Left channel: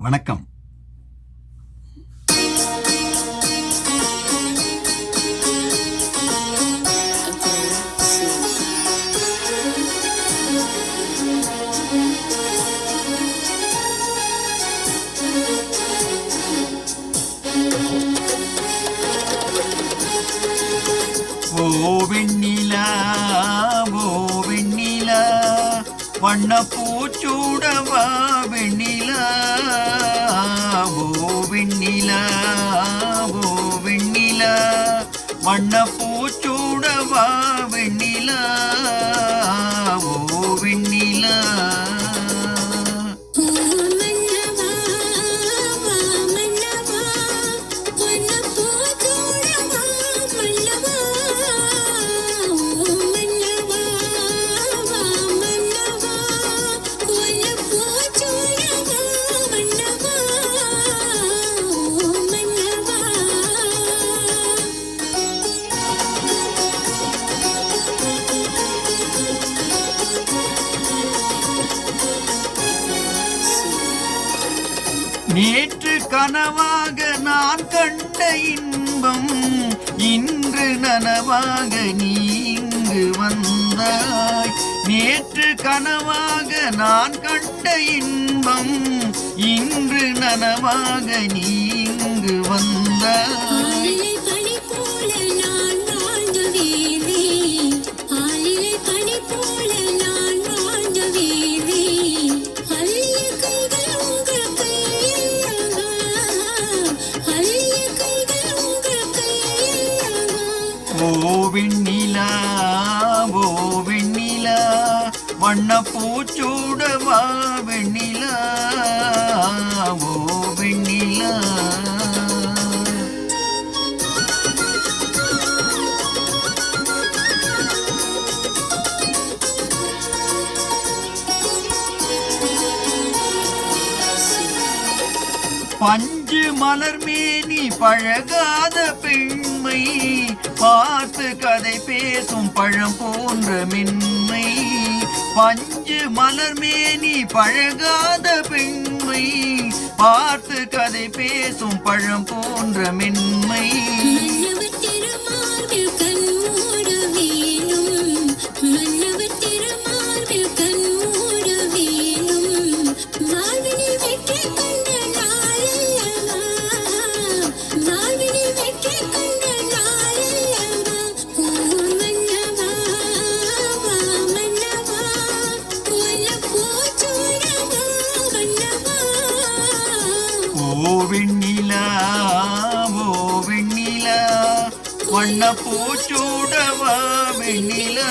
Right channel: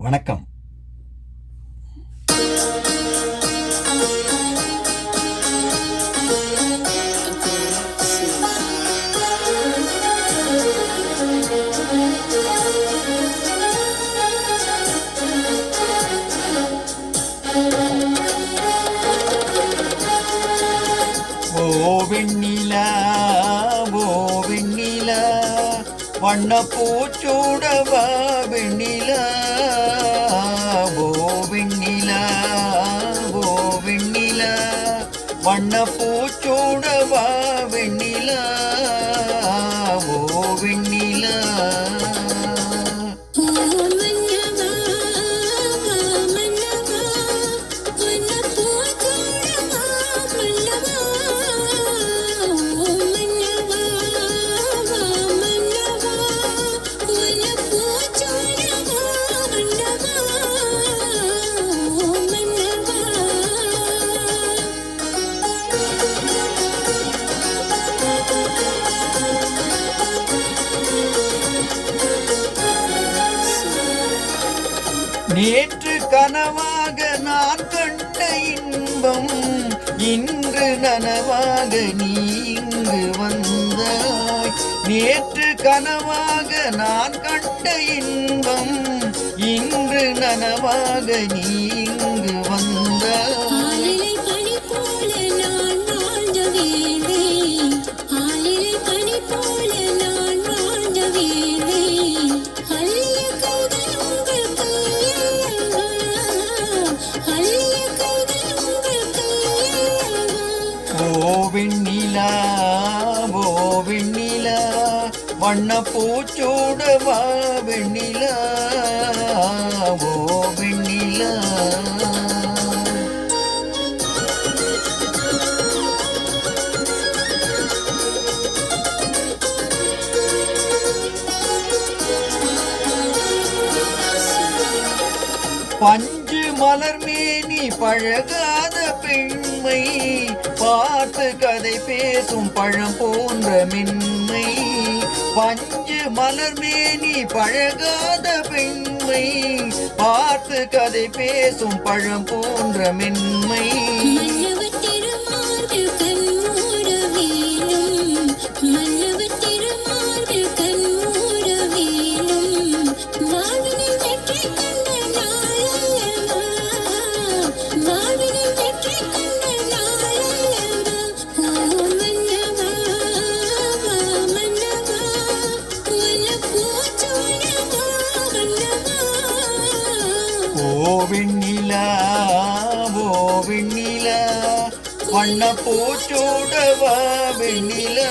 வணக்கம். ஓ வெண்ணிலா வண்ண பூச்சூடவா வெண்ணிலா. ஓ வெண்ணிலா. ஓ வெண்ணிலா. வண்ண பூச்சூடவா வெண்ணிலா. ஓ வெண்ணிலா. நேற்று கனவாக நான் கண்ட இன்பம் இன்று நனவாக நீ இங்கு வந்தாய். நேற்று கனவாக நான் கண்ட இன்பம் இன்று நனவாக நீ இங்கு வந்தாய். ஓ வெண்ணிலா ஓ வெண்ணிலா வண்ண பூச்சூடவா வெண்ணிலா ஓ வெண்ணிலா பஞ்சு மலர் மேனி பழகாத பெண் பார்த்து கதை பேசும் பழம் போன்ற மென்மை. பஞ்சு மலர் மேனி பழகாத பெண்மை. பார்த்து கதை பேசும் பழம் போன்ற மென்மை. வண்ண பூச்சூடவா வெண்ணிலா ஓ வெண்ணிலா